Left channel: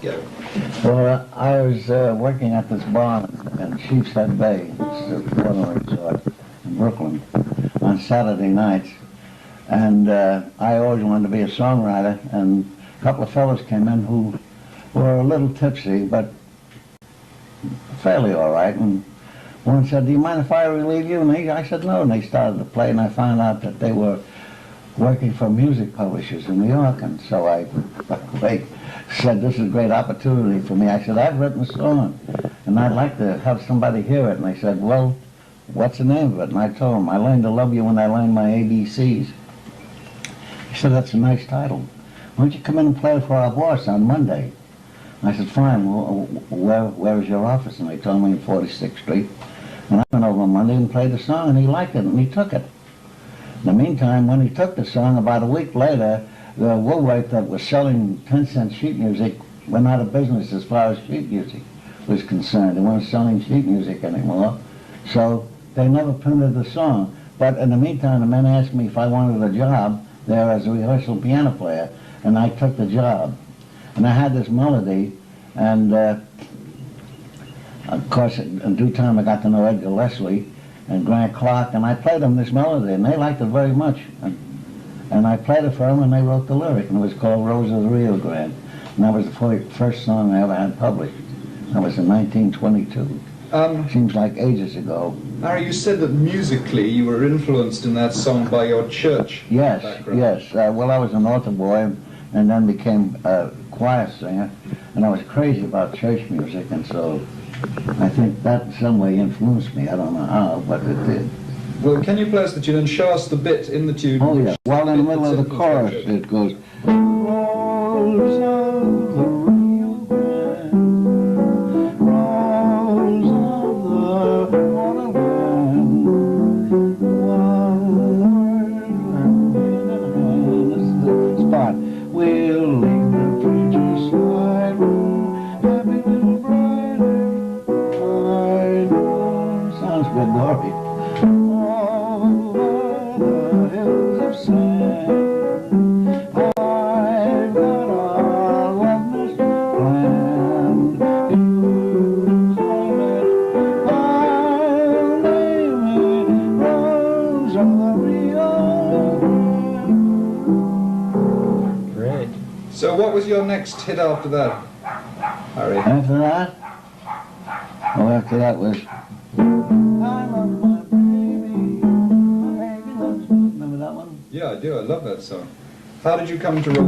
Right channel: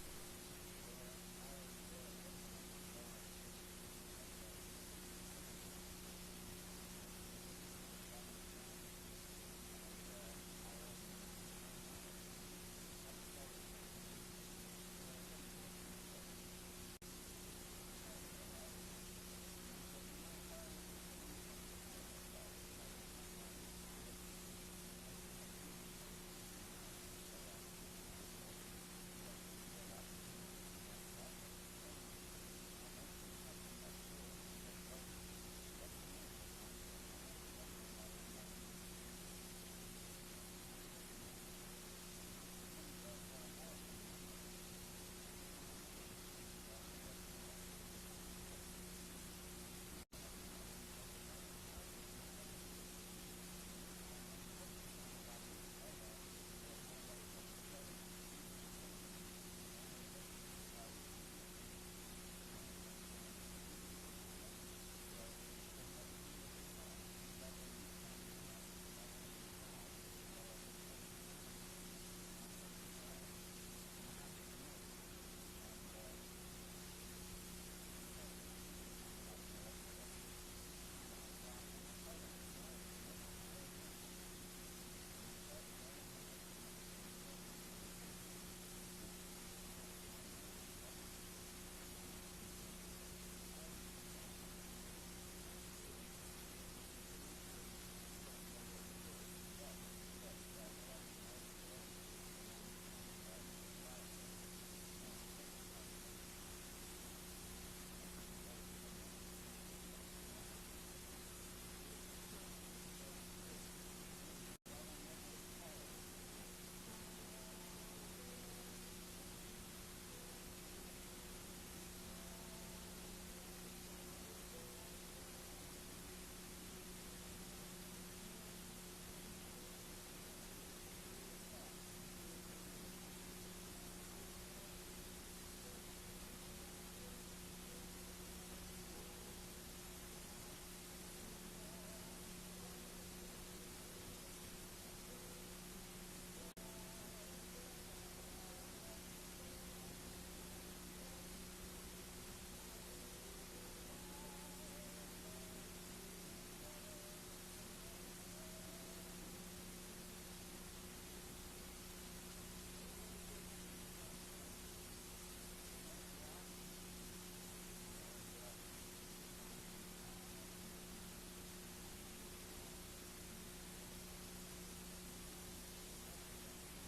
Go. Well, I was working at this bar in Sheepshead Bay, it's a water resort in Brooklyn, on Saturday nights. And I always wanted to be a songwriter, and a couple of fellows came in who were a little tipsy, but fairly all right. And one said, "Do you mind if I relieve you?" And I said, "No." And they started to play, and I found out that they were working for music publishers in New York. And so they said, "This is a great opportunity for me." I said, "I've written a song, and I'd like to have somebody hear it." And they said, "Well, what's the name of it?" And I told them, "I learned to love you when I learned my ABCs." He said, "That's a nice title. Why don't you come in and play for our boss on Monday?" I said, "Fine. Well, where is your office?" And they told me in 46th Street. And I went over on Monday and played the song, and he liked it, and he took it. In the meantime, when he took the song, about a week later, the Woolworth that was selling 10-cent sheet music went out of business as far as sheet music was concerned. They weren't selling sheet music anymore, so they never printed the song. But in the meantime, the men asked me if I wanted a job there as a rehearsal piano player, and I took the job. And I had this melody, and of course, in due time, I got to know Edgar Leslie and Grant Clark, and I played them this melody, and they liked it very much. And I played it for them, and they wrote the lyric, and it was called Rose of the Rio Grande. And that was the first song I ever had published. That was in 1922. Seems like ages ago. Harry, you said that musically you were influenced in that song by your church background. Yes. Well, I was an altar boy, and then became a choir singer, and I was crazy about church music, and so I think that in some way influenced me. I don't know how, but it did. Well, can you play us the tune and show us the bit in the tune? Oh, yeah. Well, in the middle of the chorus, it goes, "Rose of the Rio Grande, rose of the waterland, one word and this is the spot. We'll leave the preacher's side, happy little bride, I know." Sounds good, Dorothy. So what was your next hit after that, Harry? After that? Oh, after that was "I Love My Baby, My Baby Loves Me." Remember that one? Yeah, I do. I love that song. How did you come to write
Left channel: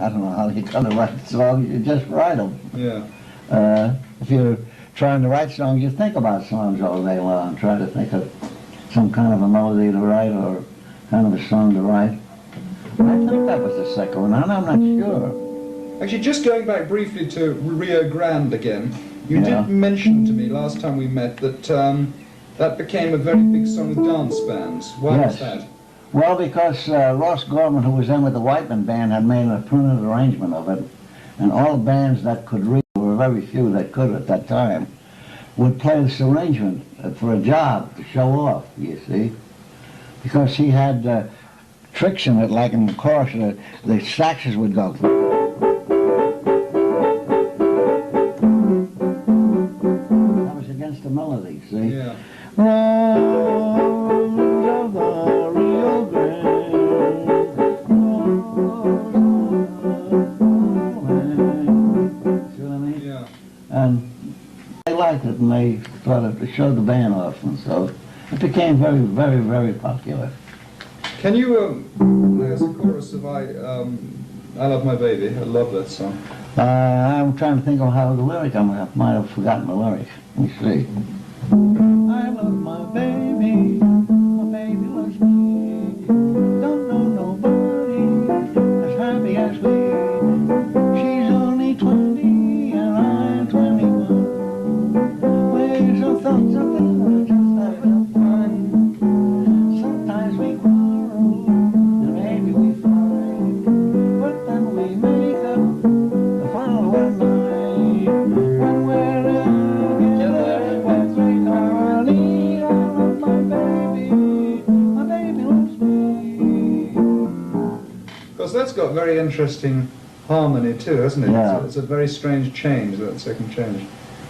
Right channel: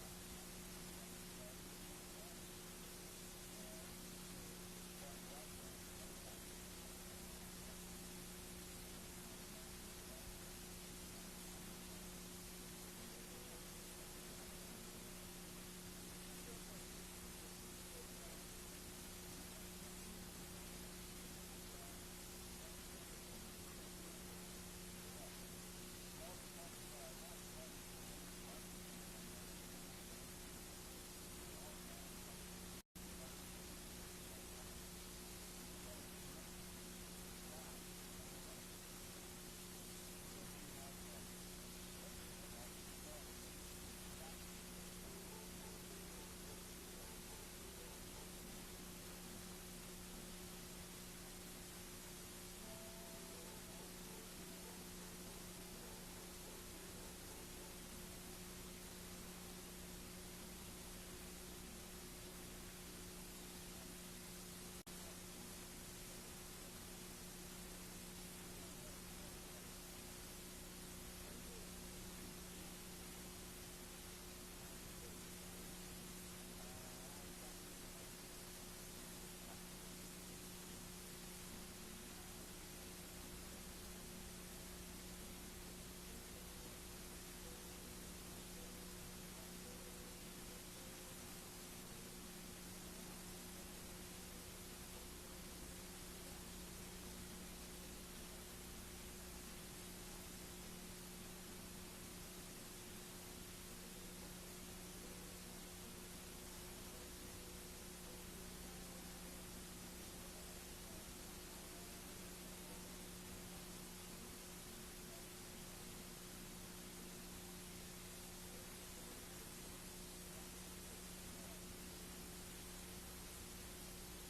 I don't know how you come to write songs, you just write them. that? Yeah. If you're trying to write songs, you think about songs all day long, try to think of some kind of a melody to write or kind of a song to write. I think that was the second one, and I'm not sure. Actually, just going back briefly to Rio Grande again, you Yeah. did mention to me last time we met that that became a very big song with dance bands. Why was Yes. that? Well, because Ross Gorman, who was in with the Whiteman Band, had made a printed arrangement of it, and all the bands that could read, there were very few that could at that time, would play this arrangement for a job to show off, you see. Because he had tricks in it, like in the chorus, the saxes would go. That was against the melody, see? Yeah. Rose of the Rio Grande, see what I mean? Yeah. And they liked it, and they thought it showed the band off, and so it became very, very, very popular. Can you play us a chorus of I Love My Baby? I love that song. I'm trying to think of how the lyric, I might have forgotten the lyric. Let me see. I love my baby loves me. Don't know nobody as happy as we. She's only 20 and I'm 21. We're so thoughts of it, just having fun. Sometimes we quarrel and maybe we fight, but then we make up the following night. When we're together, when we darling, I love my baby loves me. Because that's got very interesting harmony too, hasn't it? Yeah. It's a very strange change, that second change.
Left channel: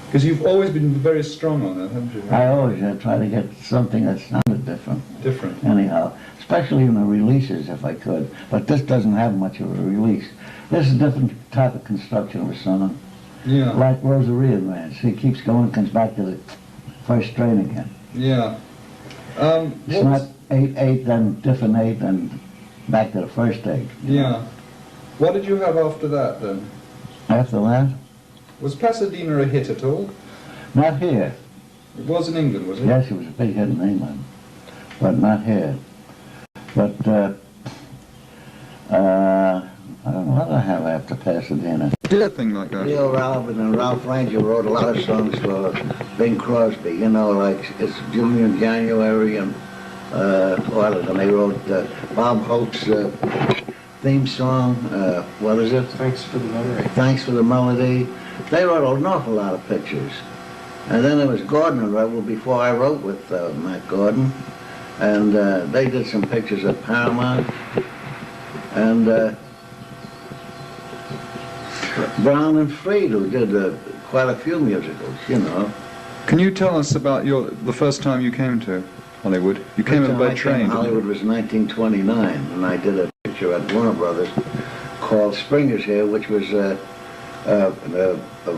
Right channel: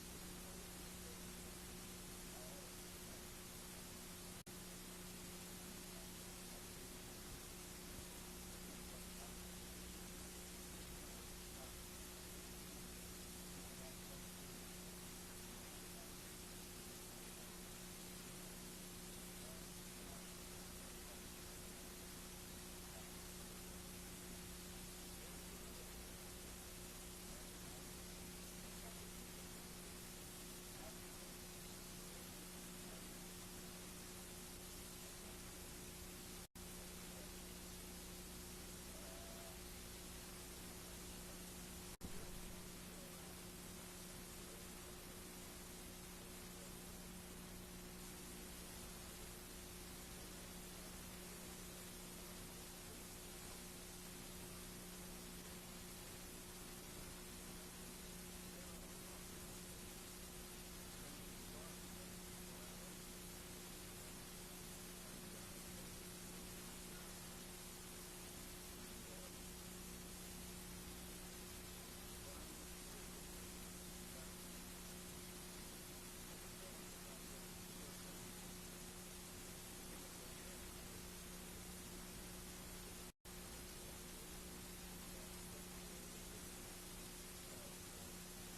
Because you've always been very strong on it, haven't you? I always try to get something that sounded different. Different. Anyhow, especially in the releases if I could. But this doesn't have much of a release. This is a different type of construction of a song. Yeah. Like Rosaria Man. She keeps going, comes back to the first strain again. Yeah. It's not 8/8, then different 8, then back to the first 8. Yeah. What did you have after that then? After that, Was Pasadena a hit at all? not here. It was in England, was it? Yes, it was a big hit in England, but not here. But I don't know what I have after Pasadena. Did a thing like that? Leo Robin and Ralph Ranger wrote a lot of songs for Bing Crosby, you know, like it's Junior in January and and they wrote Bob Hope's theme song, what is it? Thanks for the memory. Thanks for the Melody. They wrote an awful lot of pictures. And then there was Gordon who wrote before I wrote with Matt Gordon. And they did some pictures at Paramount. And Brown and Freed, who did quite a few musicals, you know. Can you tell us about the first time you came to Hollywood? You came in by train. Hollywood was 1929, and I did a picture at Warner Brothers called Springer's Here, which was a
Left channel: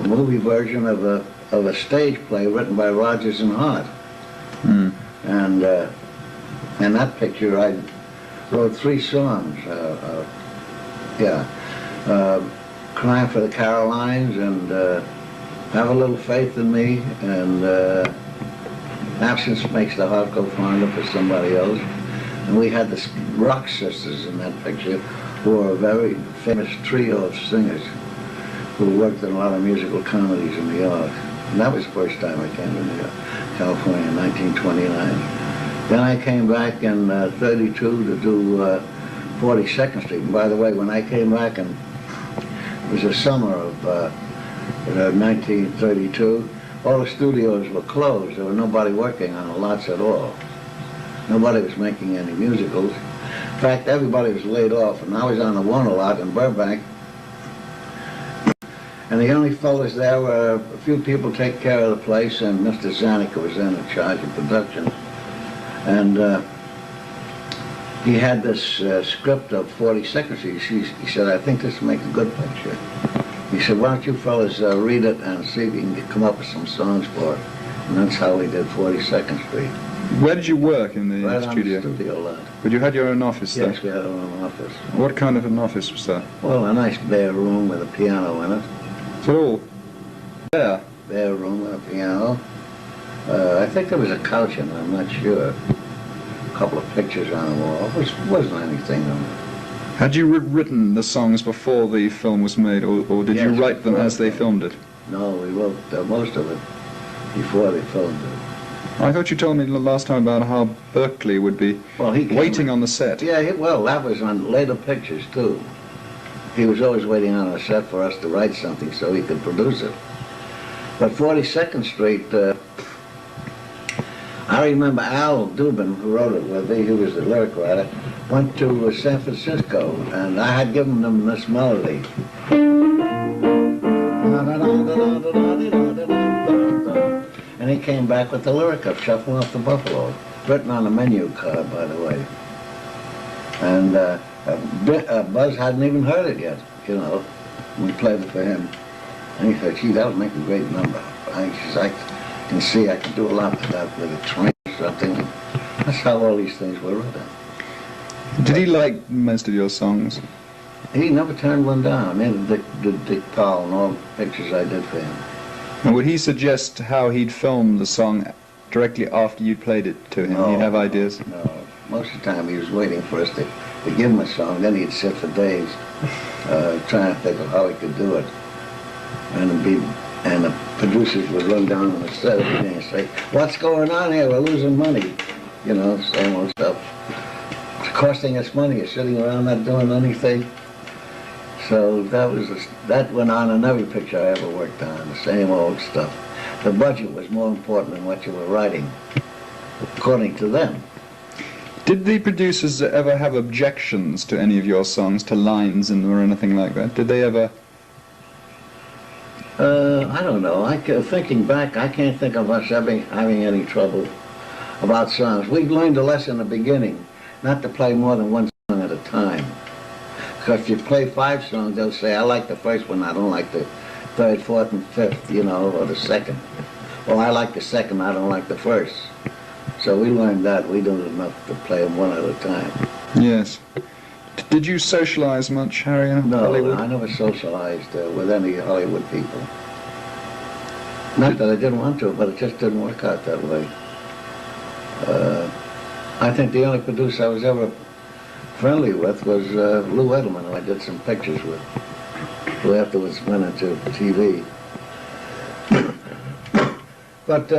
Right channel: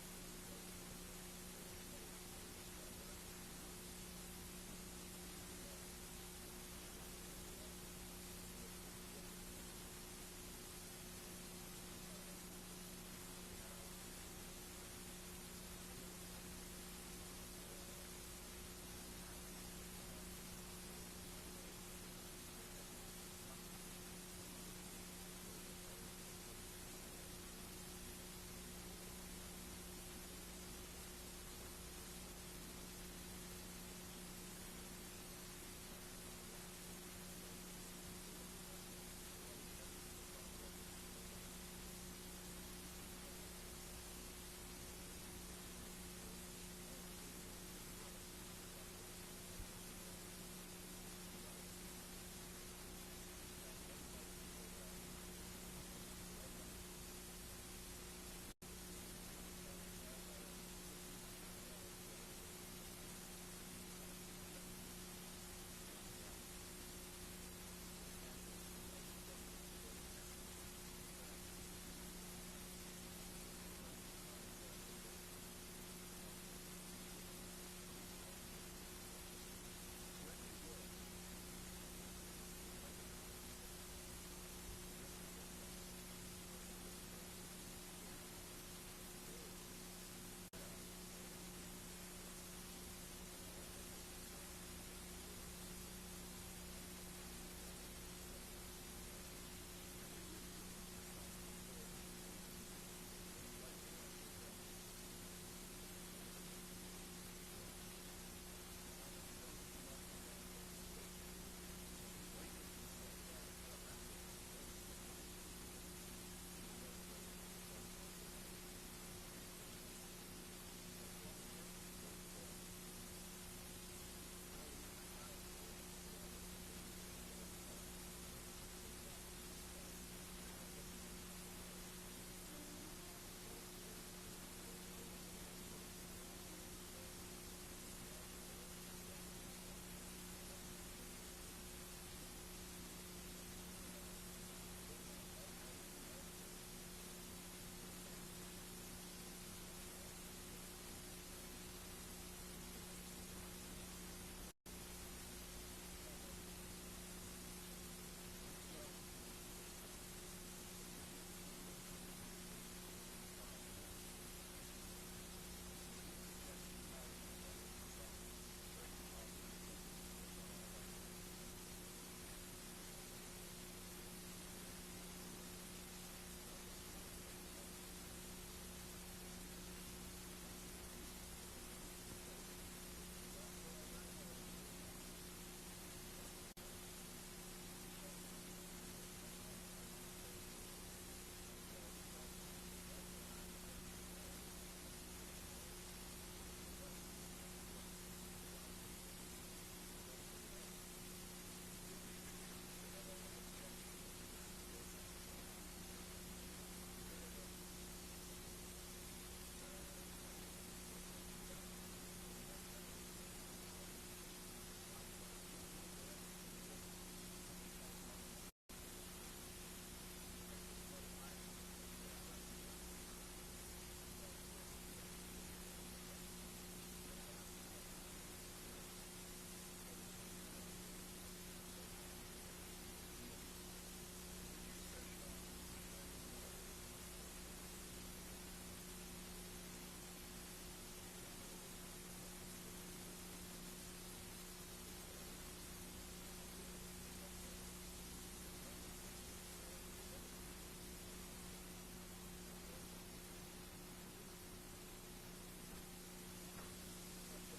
movie version of a stage play written by Rodgers and Hart. Mm. And in that picture, I wrote 3 songs. Crying for the Carolines and Have a Little Faith in Me and Absence Makes the Heart Go Fonder for somebody else. And we had the Rock Sisters in that picture, who were a very famous trio of singers who worked in a lot of musical comedies in New York. And that was the first time I came to New York, California in 1929. Then I came back in 32 to do 42nd Street. And by the way, when I came back, and it was the summer of 1932, all the studios were closed. There was nobody working on the lots at all. Nobody was making any musicals. In fact, everybody was laid off, and I was on the Warner lot in Burbank. And the only fellas there were a few people take care of the place, and Mr. Zanuck was then in charge of production. And he had this script of 42nd Street. He said, I think this will make a good picture. He said, why don't you fellas read it and see if you can come up with some songs for it. And that's how we did 42nd Street. Where did you work in the Right studio? on the studio lot. But you had your own office there? Yes, we had our own office. What kind of an office was that? Well, a nice bare room with a piano in it. So all there? Bare room with a piano. I think there was a couch in it, I'm not sure. A couple of pictures on the wall. Which wasn't anything on it. Had you written the songs before the film was made, or did you Yes, write them before as they filmed it? No, we wrote most of it before they filmed it. I thought you told me the last time about how Berkeley would be waiting on the set. Yeah, well, that was on later pictures, too. He was always waiting on a set for us to write something so he could produce it. But 42nd Street, I remember Al Dubin, who wrote it with me, who was the lyric writer, went to San Francisco, and I had given them this melody. And he came back with the lyric of Shuffling Off the Buffalo, written on a menu card, by the way. And Buzz hadn't even heard it yet, you know. We played it for him. And he said, gee, that would make a great number. I can see I can do a lot with that, with a train or something. That's how all these things were written. Did he like most of your songs? He never turned one down. I mean, Dick Powell and all the pictures I did for him. And would he suggest how he'd film the song directly after you'd played it to him? No, He'd have ideas? No. Most of the time he was waiting for us to give him a song. Then he'd sit for days trying to think of how he could do it. And the producers would run down on the set and say, what's going on here? We're losing money. You know, same old stuff. It's costing us money. You're sitting around not doing anything. So that went on in every picture I ever worked on, the same old stuff. The budget was more important than what you were writing, according to them. Did the producers ever have objections to any of your songs, to lines in them or anything like that? Did they ever? I don't know. Thinking back, I can't think of us having any trouble about songs. We learned a lesson in the beginning, not to play more than one song at a time. Because if you play 5 songs, they'll say, I like the first one, I don't like the third, fourth, and fifth, you know, or the second. Well, I like the second, I don't like the first. So we learned that. We don't enough to play them one at a time. Yes. Did you socialize much, Harry, in Hollywood? No, I never socialized with any Hollywood people. Not that I didn't want to, but it just didn't work out that way. I think the only producer I was ever friendly with was Lou Edelman, who I did some pictures with, who afterwards went into TV. But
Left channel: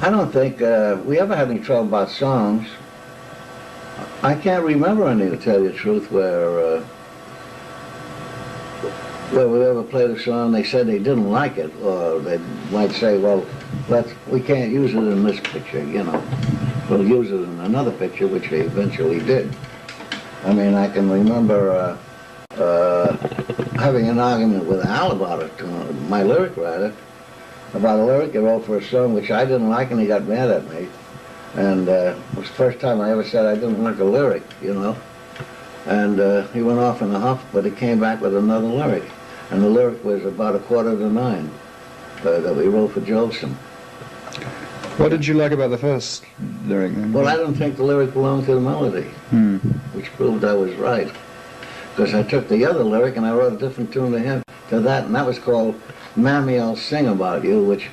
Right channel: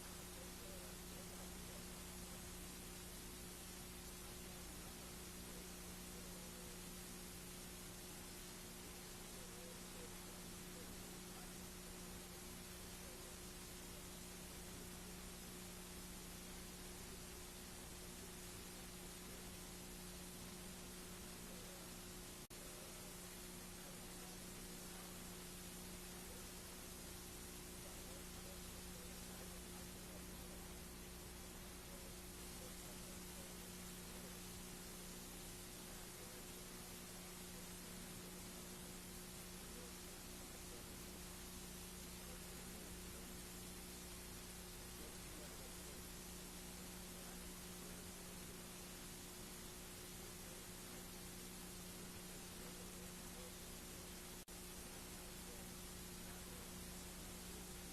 I don't think we ever had any trouble about songs. I can't remember any, to tell you the truth, where we ever played a song, they said they didn't like it, or they might say, well, we can't use it in this picture, you know. We'll use it in another picture, which they eventually did. I mean, I can remember having an argument with Al about it, my lyric writer, about a lyric he wrote for a song which I didn't like, and he got mad at me. And it was the first time I ever said I didn't like a lyric, you know. And he went off in a huff, but he came back with another lyric. And the lyric was about 8:45 that we wrote for Jolson. What did you like about the first lyric then? Well, I don't think the lyric belonged to the melody, which proved I was right. Because I took the other lyric and I wrote a different tune to that, and that was called Mammy, I'll Sing About You, which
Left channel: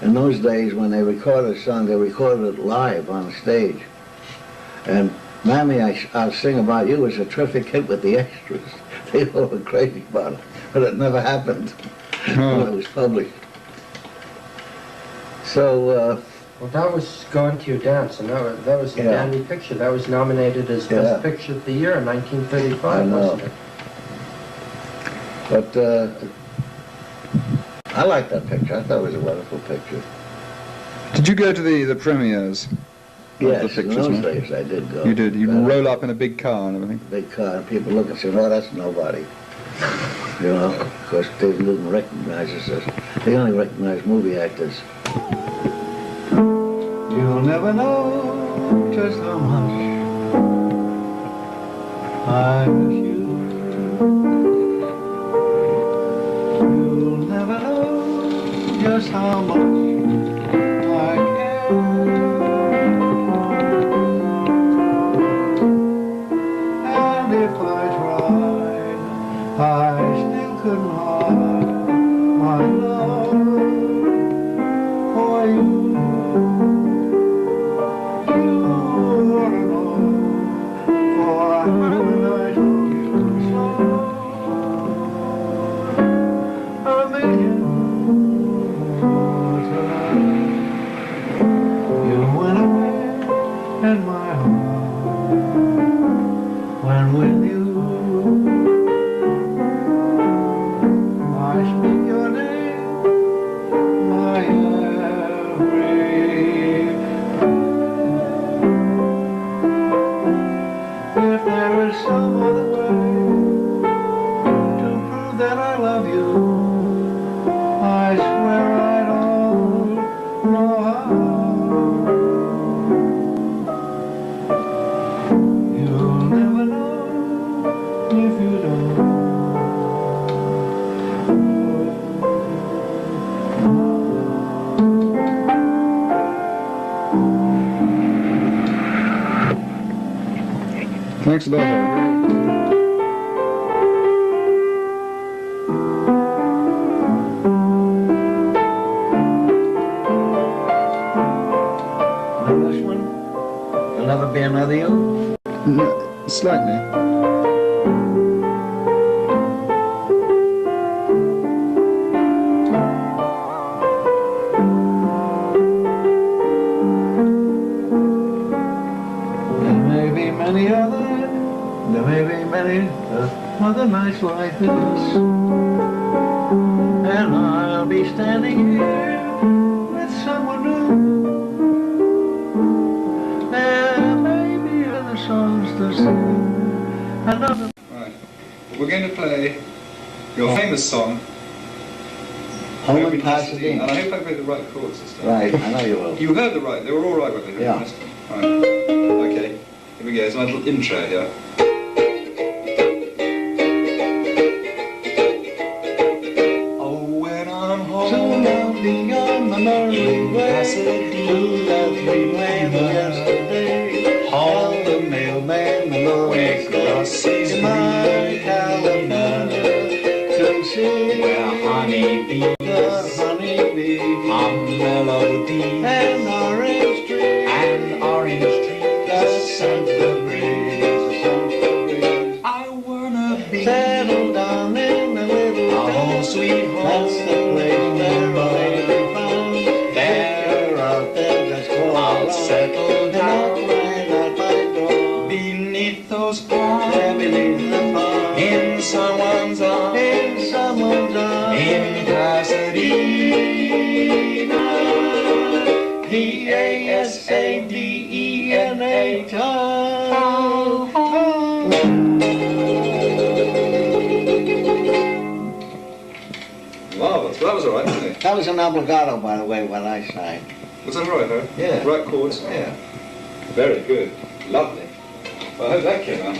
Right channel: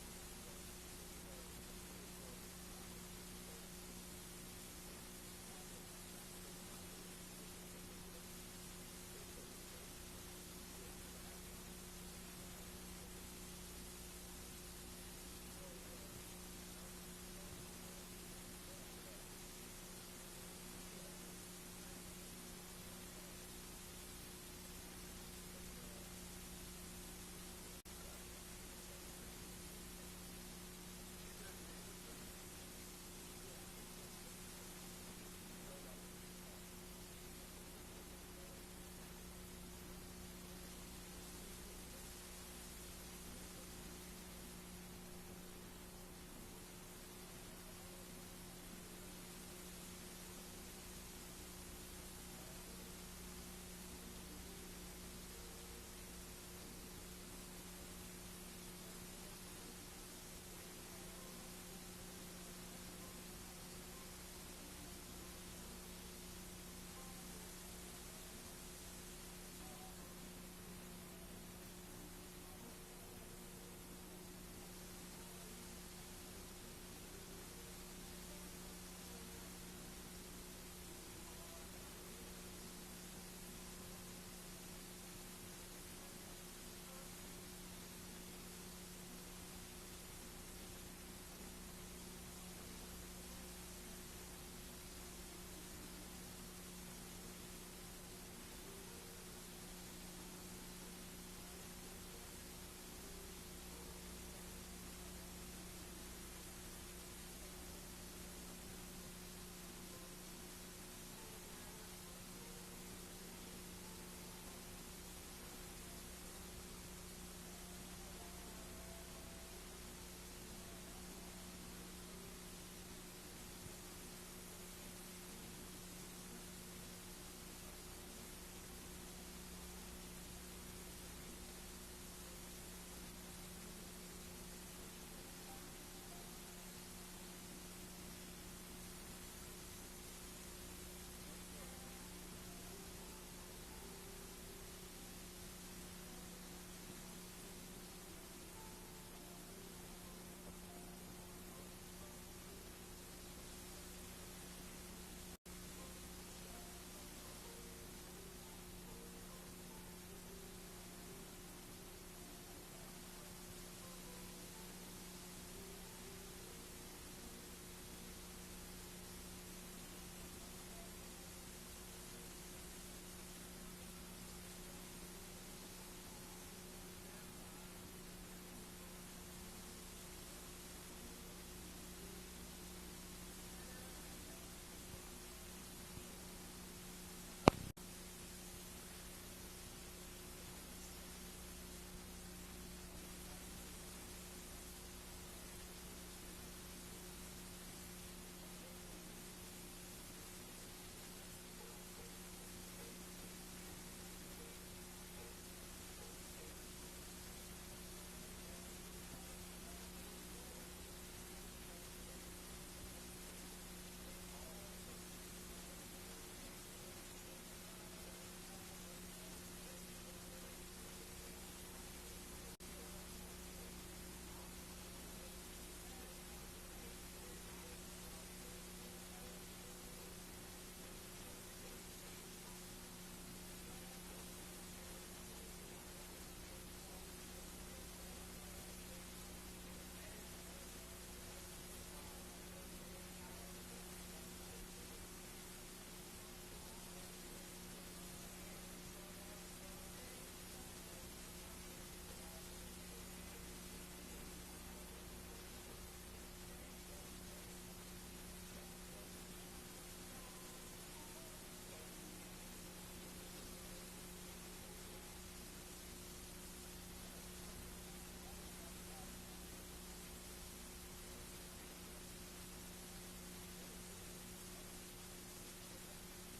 in those days when they recorded a song, they recorded it live on the stage. And Mammy, I'll Sing About You was a terrific hit with the extras. They all were crazy about it, but it never happened when it was published. So, well, that was Going to Your Dance, and that was a dandy picture. That was nominated as Best Picture of the Year in 1935, wasn't it? But I liked that picture. I thought it was a wonderful picture. Did you go to the premieres? Yes, the pictures, in those days I did go. You did? You'd roll up in a big car and everything? Big car, and people look and say, oh, that's nobody. You know, of course, they didn't recognize us as, they only recognized movie actors. You'll never know just how much I miss you. You'll never know just how much I care. And if I tried, I still couldn't hide my love for you. Thanks a lot, Harry. This one? There'll never be another you? No, slightly. Other nights like this, and I'll be standing here with someone new. Right. We're going to play your famous song, Home Every in Pasadena. And I hope I played the right chords this time. Right, I know you will. You heard the right, they were all right, weren't they? Yeah. Right. Okay, here we go. It's my little intro here. Oh, when I'm home, So lovely on the merry way, too lovely when yesterday, all the mailman, the Lord crosses my California, to see Where honeybees the honeybee, hum melodies and orange tree, and orange trees. the scent the breeze, the scent the breeze. I wanna be Settle down in a little a home town, sweet home. that's the place where I'll be found. There If you're out there, just call I'll out. settle down Right at my door. beneath those There palms, beneath the palm, in someone's arms, in someone's arms, in Pasadena. Pasadena town. Marvellous. Well, that was all right, wasn't it? That was an obligato, by the way, what I sang. Was that all right, huh? Yeah. Right chords? Yeah. Very good. Lovely. Well, I hope that came out.